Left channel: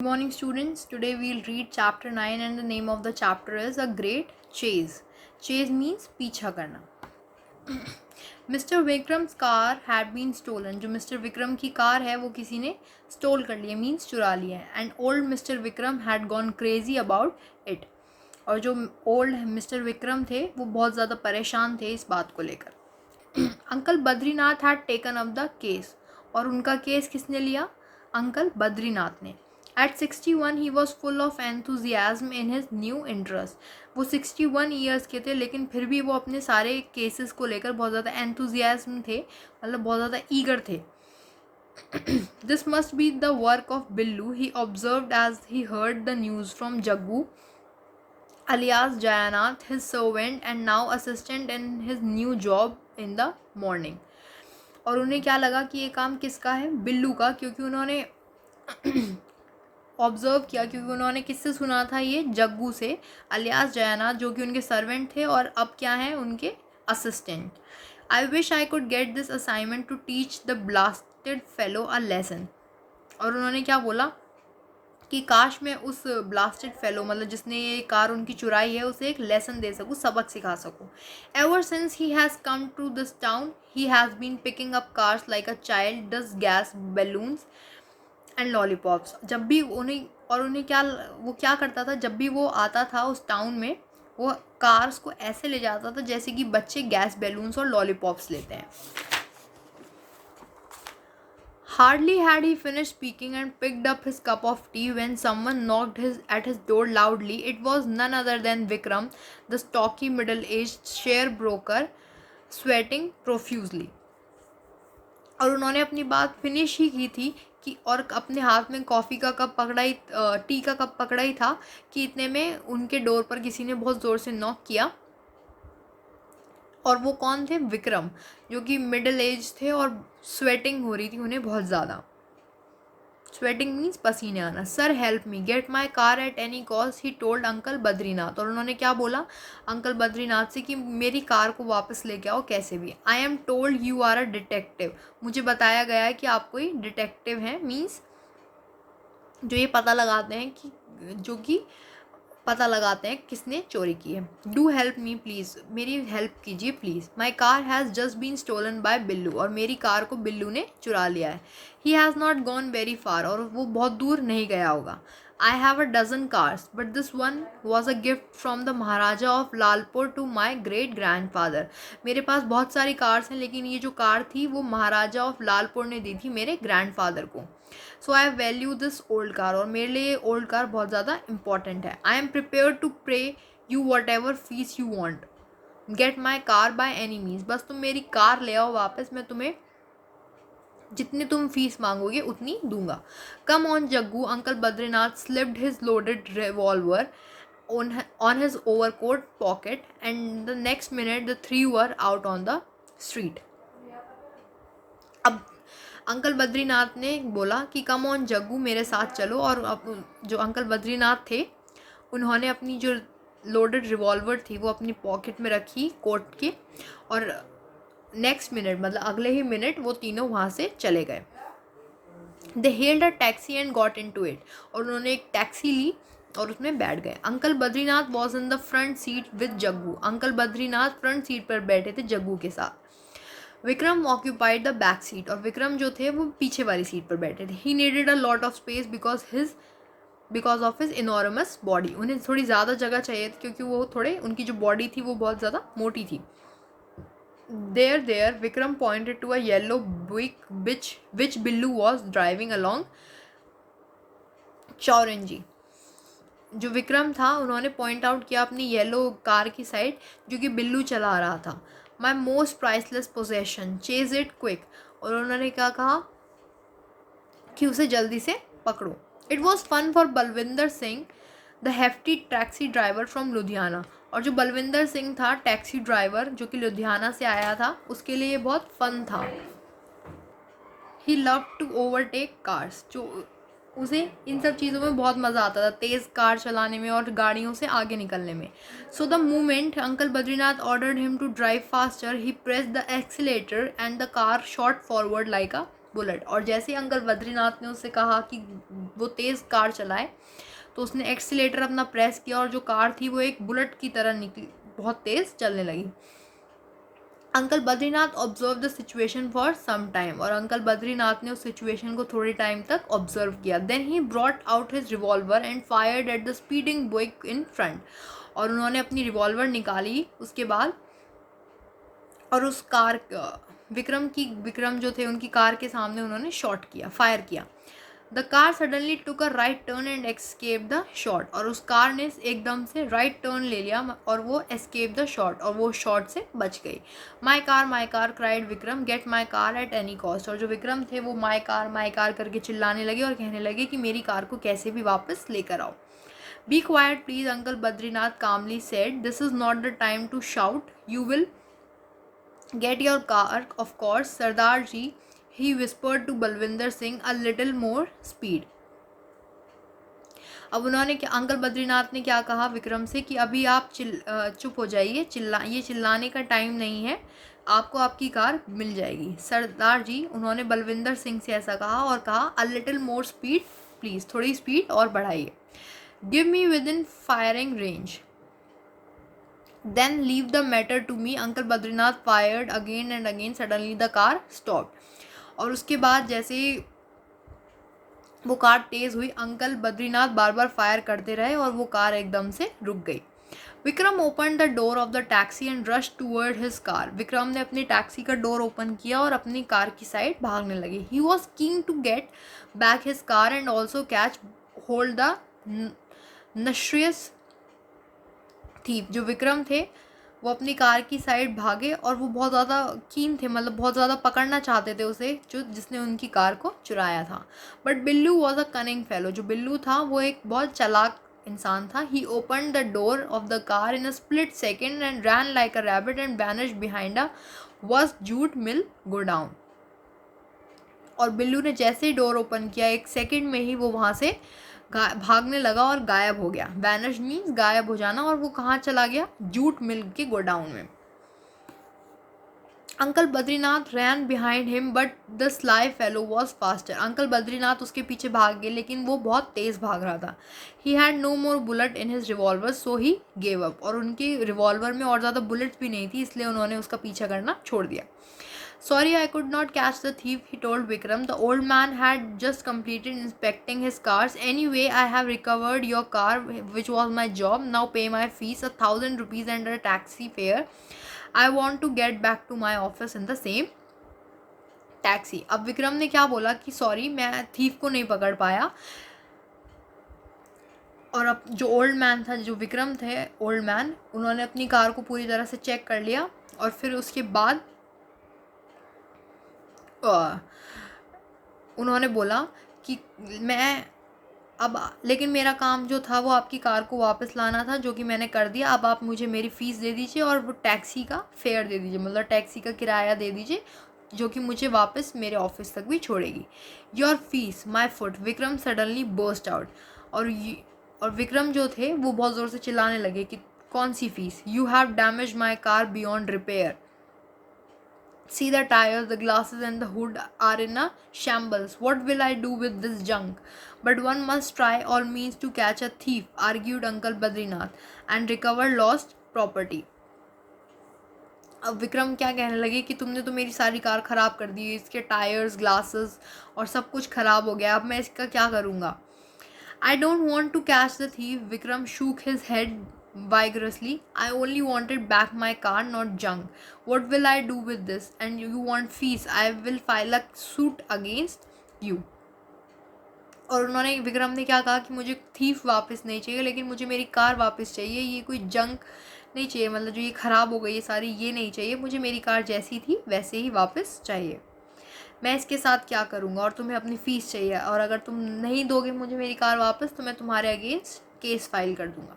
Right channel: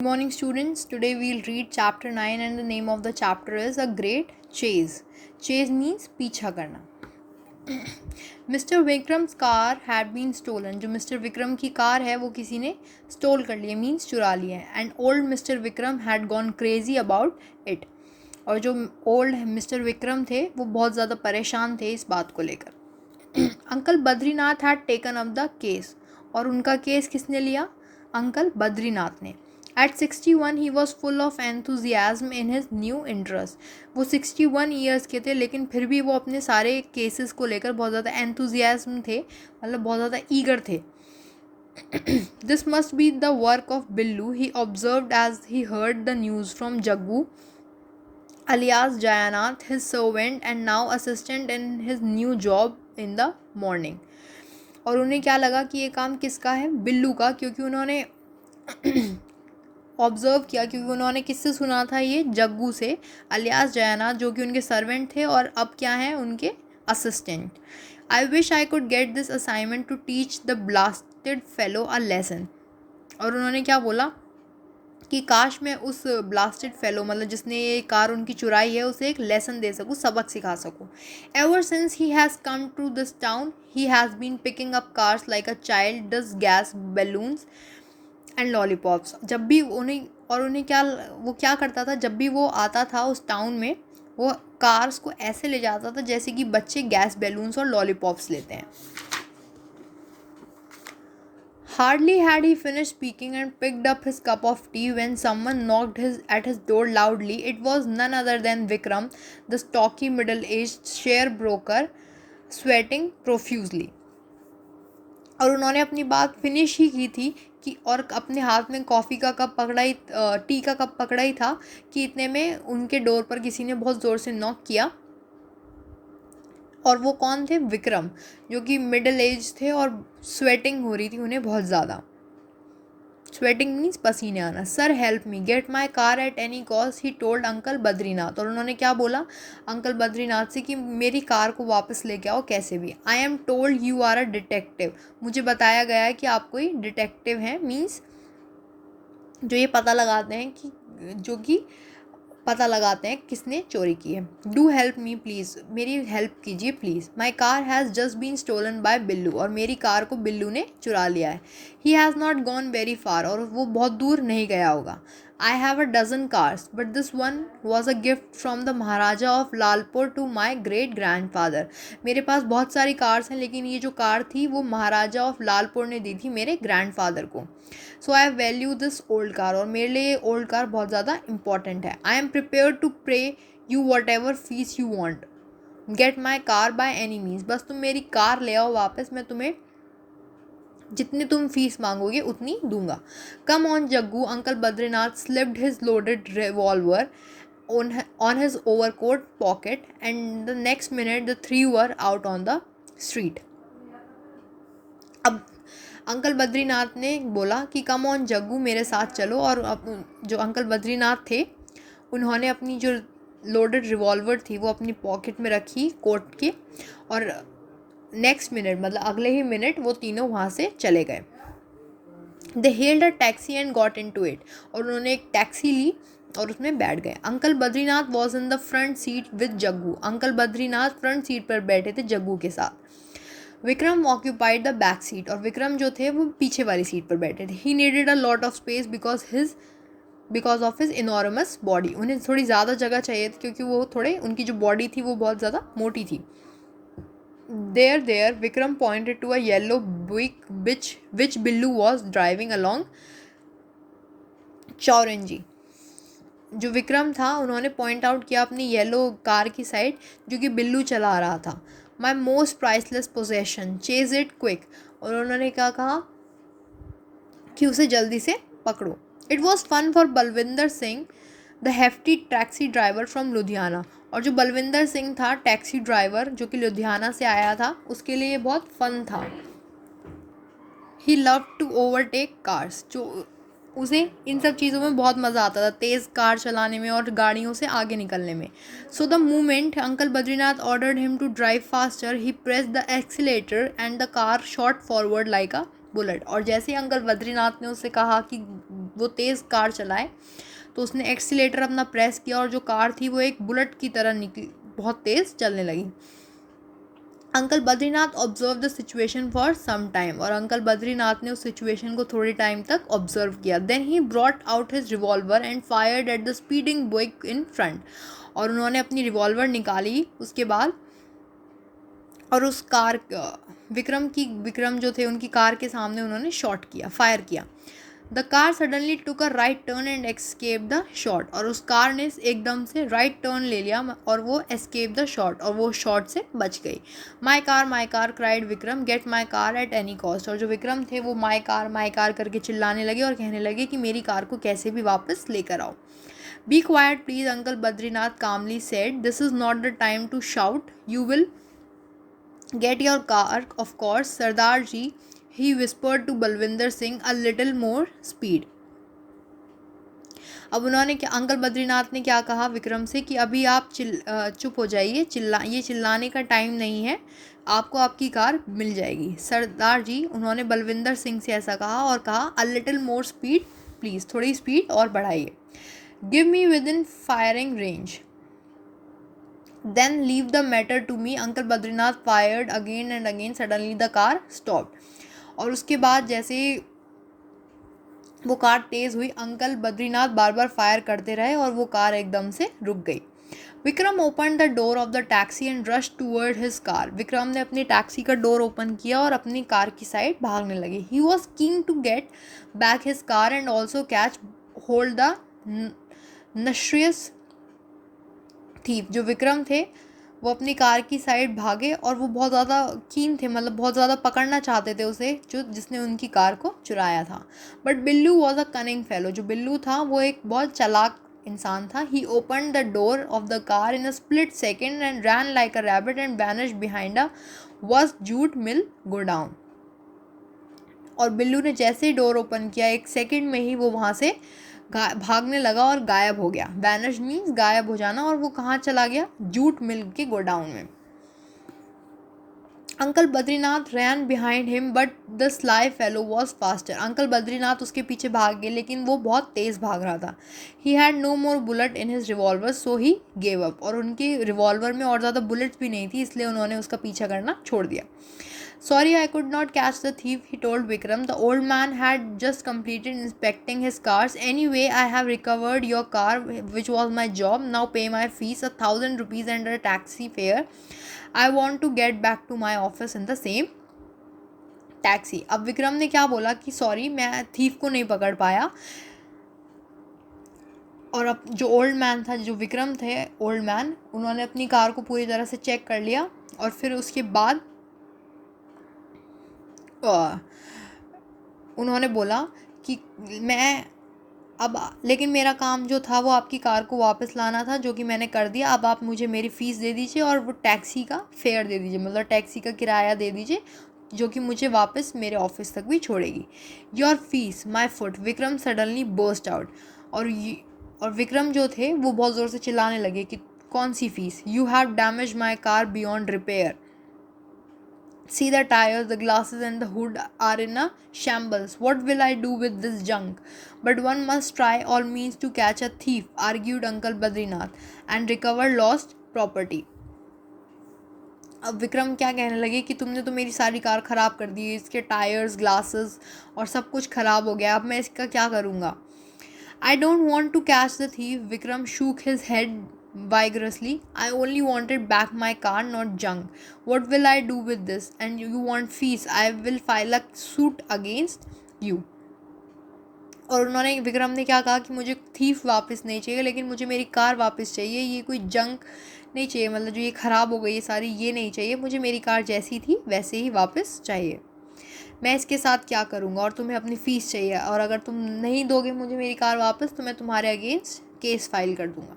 Good morning, students. Today we'll read chapter 9, and the name of the chapter is A Great Chase. Chase means पीछा करना. Mr. Vikram's car had been stolen. जो Mr. Vikram की car है वो किसी ने stall कर लिया, मीन्स चुरा लिया है. And old Mr. Vikram had gone crazy about it. और जो ओल्ड मिस्टर विक्रम थे वो बहुत ज़्यादा परेशान थे इस बात को लेकर. Uncle Badrinath had taken up the case. और उनका केस किसने लिया? अंकल बद्रीनाथ ने. At 61 he was full of enthusiasm in his new interest. वो 61 ईयर्स के थे लेकिन फिर भी वो अपने सारे केसेस को लेकर बहुत ज़्यादा एंथुजियाज्म थे, मतलब बहुत ज़्यादा ईगर थे. This must be the work of Billu, he observed as he heard the news from Jaggu alias Jayanath, his servant and now assistant in his new job in the morning. और उन्हें क्या लगा कि ये काम किसका है? बिल्लू का, क्योंकि उन्होंने ऑब्ज़र्व किया, क्योंकि उन्होंने किससे सुना था? ये जग्गू से, अलियास जयानाथ, जो कि उनके सर्वेंट थे और अब क्या हैं? उनके assistant. I wish I could get this assignment to teach the blasted fellow a lesson. और उन्होंने क्या बोला कि काश मैं उस ब्लास्टेड फेलो, मतलब जिसने ये कार उनकी चुराई है, उसे एक लेसन दे सकूँ, सबक सिखा सकूँ. Ever since he has come to this town he has been picking up cars like a child does gas balloons and lollipops. जब भी उन्हें क्या करता था? जब भी वो आता था उस टाउन में, वो कार्स को ऐसे ले जाता था जैसे कि बच्चे गैस बैलून्स और लॉलीपॉप्स लेते हैं. Hardly had he finished speaking and picked up his cup of tea when someone knocked at his door loudly. It was none other than Vikram, the stocky middle-aged sharebroker, sweating profusely. और उन्होंने अपनी बात finish ही की थी कि और अपने हाथ में कॉफ़ी का कप पकड़ा ही, टी का कप पकड़ा ही था कि इतने में उनके डोर पर किसी ने बहुत ज़ोर से नॉक किया. और वो कौन थे? विक्रम, जो कि मिडिल एज थे और स्वेटिंग हो रही थी उन्हें बहुत ज़्यादा. स्वेटिंग मीन्स पसीने आना. Sir help me get my car at any cost, he told uncle Badrinath. और उन्होंने क्या बोला अंकल बद्रीनाथ से कि मेरी कार को वापस लेके आओ कैसे भी. I am told you are a detective. मुझे बताया गया है कि आप कोई डिटेक्टिव हैं, मीन्स जो ये पता लगाते हैं कि पता लगाते हैं किसने चोरी की है. डू हेल्प मी प्लीज़, मेरी हेल्प कीजिए please. My car has just been stolen by Billu. और मेरी कार को बिल्लू ने चुरा लिया है. He has not gone very far. और वो बहुत दूर नहीं गया होगा. I have a dozen cars but this one was a gift from the Maharaja of Lalpur to my great grandfather. मेरे पास बहुत सारी कार्स हैं लेकिन ये जो कार थी वो महाराजा ऑफ लालपुर ने दी थी मेरे ग्रैंड फादर को. सो I value this old car. और मेरे लिए ये ओल्ड कार बहुत ज़्यादा इंपॉर्टेंट है. आई एम प्रिपेयर टू पे you what ever fees you want. Get my car by any means. बस तुम मेरी कार ले आओ वापस, मैं तुम्हें जितनी तुम फीस मांगोगे उतनी दूंगा. Come on Jaggu. Uncle Badrinath slipped his loaded revolver on his overcoat pocket and the next minute the three were out on the street. अब अंकल बद्रीनाथ ने बोला कि कम ऑन जग्गू, मेरे साथ चलो. और अब जो अंकल बद्रीनाथ थे उन्होंने अपनी जो लोडेड रिवॉल्वर थी वो अपनी पॉकेट में रखी कोट की, और नेक्स्ट मिनट, मतलब अगले ही मिनट, वो तीनों वहाँ से चले गए. They hailed a taxi and got into it. और उन्होंने एक टैक्सी ली और उसमें बैठ गए. Uncle Badrinath was in the front seat with Jaggu. Uncle Badrinath front seat पर बैठे थे जग्गू के साथ. Vikram occupied the back seat. और विक्रम जो थे वो पीछे वाली सीट पर बैठे थे. He needed a lot of space because of his enormous body. उन्हें थोड़ी ज़्यादा जगह चाहिए थी क्योंकि वो उनकी जो बॉडी थी वो बहुत ज़्यादा मोटी थी. There, Vikram pointed to a yellow Buick which Billu was driving along चौरंजी. जो विक्रम था उन्होंने पॉइंट आउट किया अपनी येलो कार की साइड जो कि बिल्लू चला रहा था. My most priceless possession, chase it quick. और उन्होंने क्या कहा कि उसे जल्दी से पकड़ो. It was fun for Balvinder Singh the hefty taxi driver from Ludhiana. और जो बलविंदर सिंह था टैक्सी ड्राइवर जो कि लुधियाना से आया था, उसके लिए ये बहुत फन था. ही लव टू ओवरटेक कार्स. जो उसे इन सब चीज़ों में बहुत मज़ा आता था, तेज़ कार चलाने में और गाड़ियों से आगे निकलने में. So the moment uncle Badrinath ordered him to drive faster he pressed the accelerator and the car shot forward like a bullet. और जैसे ही अंकल बद्रीनाथ ने उससे कहा कि वो तेज़ कार चलाए, तो उसने एक्सीलेटर अपना प्रेस किया और जो कार थी वो एक बुलेट की तरह निकली, बहुत तेज़ चलने लगी। Uncle Badrinath observe the situation for some time, और अंकल बद्रीनाथ ने उस सिचुएशन को थोड़ी टाइम तक ऑब्जर्व किया। Then he brought out his revolver and fired at the speeding Buick in front, और उन्होंने अपनी रिवॉल्वर निकाली उसके बाद और उस कार विक्रम जो थे उनकी कार के सामने उन्होंने शॉट किया, फायर किया। The car suddenly took a right turn and escape the shot, और उस कार ने एकदम से राइट टर्न ले लिया और वो एस्केप द शॉट, और वो शॉट से बच गई। My car cried Vikram, get my car at any cost, और जो विक्रम थे वो माई कार करके चिल्लाने लगे और कहने लगे कि मेरी कार को कैसे भी वापस लेकर आओ। Be quiet please, uncle Badrinath calmly said. This is not the time to shout. You will get your car, of course, Sardar ji, he whispered to Balwinder Singh, a little more speed. अब उन्होंने क्या, uncle Badrinath ने क्या कहा विक्रम से कि अभी आप चुप हो जाइए, ये चिल्लाने का टाइम नहीं है, आपको आपकी कार मिल जाएगी। सरदार जी, उन्होंने बलविंदर सिंह से ऐसा कहा और कहा a little more speed please, थोड़ी स्पीड और बढ़ाइए। Give me within firing range, then leave the matter to me. Uncle Badrinath fired again and again, suddenly the car stop, और उसके बाद जैसे वो कार तेज़ हुई, अंकल बद्रीनाथ बार बार फायर करते रहे और वो कार एकदम से रुक गई। Vikram open the door of the taxi and rush toward his car, Vikram ने अपनी टैक्सी का डोर ओपन किया और अपनी कार की साइड भागने लगे। He was keen to get back his car and also catch hold the notorious thief. जो विक्रम थे वो अपनी कार की साइड भागे और वो बहुत ज़्यादा कीन थे, मतलब बहुत ज़्यादा पकड़ना चाहते थे उसे, जिसने उनकी कार को चुराया था। But Billu was a cunning fellow, जो बिल्लू था वो एक बहुत चालाक इंसान था। He open the door of the car in a split second and ran like a rabbit and vanish behind a was jute mill godown. और बिल्लू ने जैसे ही डोर ओपन किया, एक सेकेंड में ही वो वहाँ से भागने लगा और गायब हो गया। वैनिश मीन्स गायब हो जाना, और वो कहाँ चला गया, जूट मिल के गोडाउन में। Uncle Badrinath ran behind him but the sly fellow was faster, uncle Badrinath उसके पीछे भाग गए लेकिन वो बहुत तेज़ भाग रहा था। He had no more bullet in his revolver so he gave up, और उनकी रिवॉल्वर में और ज़्यादा बुलेट्स भी नहीं थी, इसलिए उन्होंने उसका पीछा करना छोड़ दिया। Sorry, I could not catch the thief, he told Vikram. The old man had just completed inspecting his cars. Anyway, I have recovered your car, which was my job. Now pay my fees, 1,000 rupees and a taxi fare. I want to get back to my office in the same taxi. अब विक्रम ने क्या बोला कि sorry, मैं thief को नहीं पकड़ पाया। और अब जो ओल्ड मैन था, जो विक्रम थे ओल्ड मैन, उन्होंने अपनी कार को पूरी तरह से चेक कर लिया और फिर उसके बाद उन्होंने बोला कि मैं अब, लेकिन मेरा काम जो था वो आपकी कार को वापस लाना था, जो कि मैंने कर दिया। अब आप मुझे मेरी फ़ीस दे दीजिए और वो टैक्सी का फेयर दे दीजिए, मतलब टैक्सी का किराया दे दीजिए, जो कि मुझे वापस मेरे ऑफिस तक भी छोड़ेगी। Your fees my foot, Vikram suddenly burst out, और विक्रम जो थे वो बहुत ज़ोर से चिल्लाने लगे कि कौन सी फ़ीस, you have damage my car beyond repair, see the tires, the glasses and the hood are in a shambles. What will I do with this junk? But one must try all means to catch a thief, argued Uncle Badrinath, and recover lost property. अब विक्रम क्या कहने लगे कि तुमने तो मेरी सारी car ख़राब कर दी, इसके टायर्स, ग्लासेस और सब कुछ ख़राब हो गया, अब मैं इसका क्या करूँगा। I don't want to catch the thief, Vikram shook his head vigorously. I only wanted back my car, not junk. What will I do with this? And you want fees? I will file a suit against you. और उन्होंने, विक्रम ने क्या कहा कि मुझे thief वापस नहीं चाहिए, लेकिन मुझे मेरी कार वापस चाहिए, ये कोई जंक नहीं चाहिए, मतलब जो ये ख़राब हो गई ये सारी, ये नहीं चाहिए, मुझे मेरी कार जैसी थी वैसे ही वापस चाहिए। मैं इसके साथ क्या करूँगा, और तुम्हें अपनी फ़ीस चाहिए, और अगर तुम नहीं दोगे मुझे मेरी कार वापस तो मैं तुम्हारे अगेंस्ट केस फाइल कर दूँगा।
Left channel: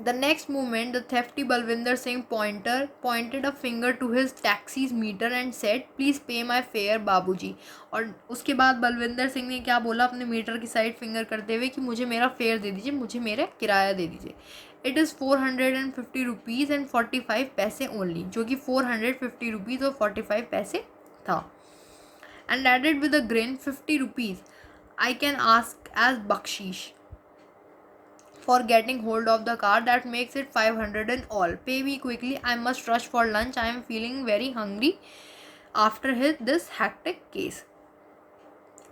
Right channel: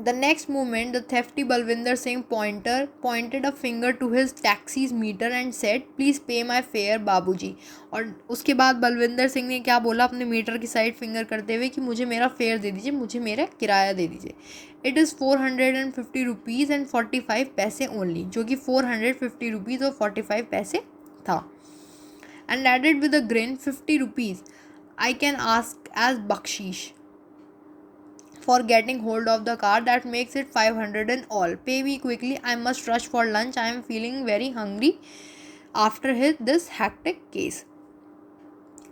The next moment, the thrifty Balwinder Singh pointed a finger to his taxi's meter and said, "Please pay my fare, बाबूजी." और उसके बाद बलविंदर सिंह ने क्या बोला अपने मीटर की साइड फिंगर करते हुए कि मुझे मेरा फेयर दे दीजिए, मुझे मेरा किराया दे दीजिए। इट इज़ 450 रुपीज़ एंड 45 पैसे ओनली, जो कि 450 रुपीज़ और 45 पैसे था। and added with a grin, 50 rupees. I can ask as bakshish for getting hold of the car. That makes it 500 in all. Pay me quickly. I must rush for lunch. I am feeling very hungry after this hectic case.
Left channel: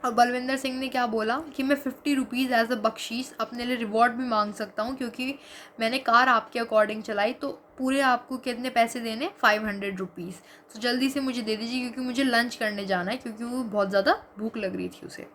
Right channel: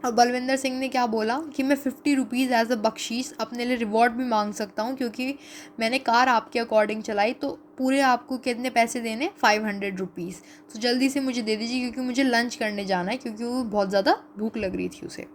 और बलविंदर सिंह ने क्या बोला कि मैं 50 rupees as a बख्शीश अपने लिए reward भी मांग सकता हूँ, क्योंकि मैंने कार आपके अकॉर्डिंग चलाई, तो पूरे आपको कितने पैसे देने, 500 रुपीज़। तो जल्दी से मुझे दे दीजिए क्योंकि मुझे लंच करने जाना है, क्योंकि वो बहुत ज़्यादा भूख लग रही थी उसे।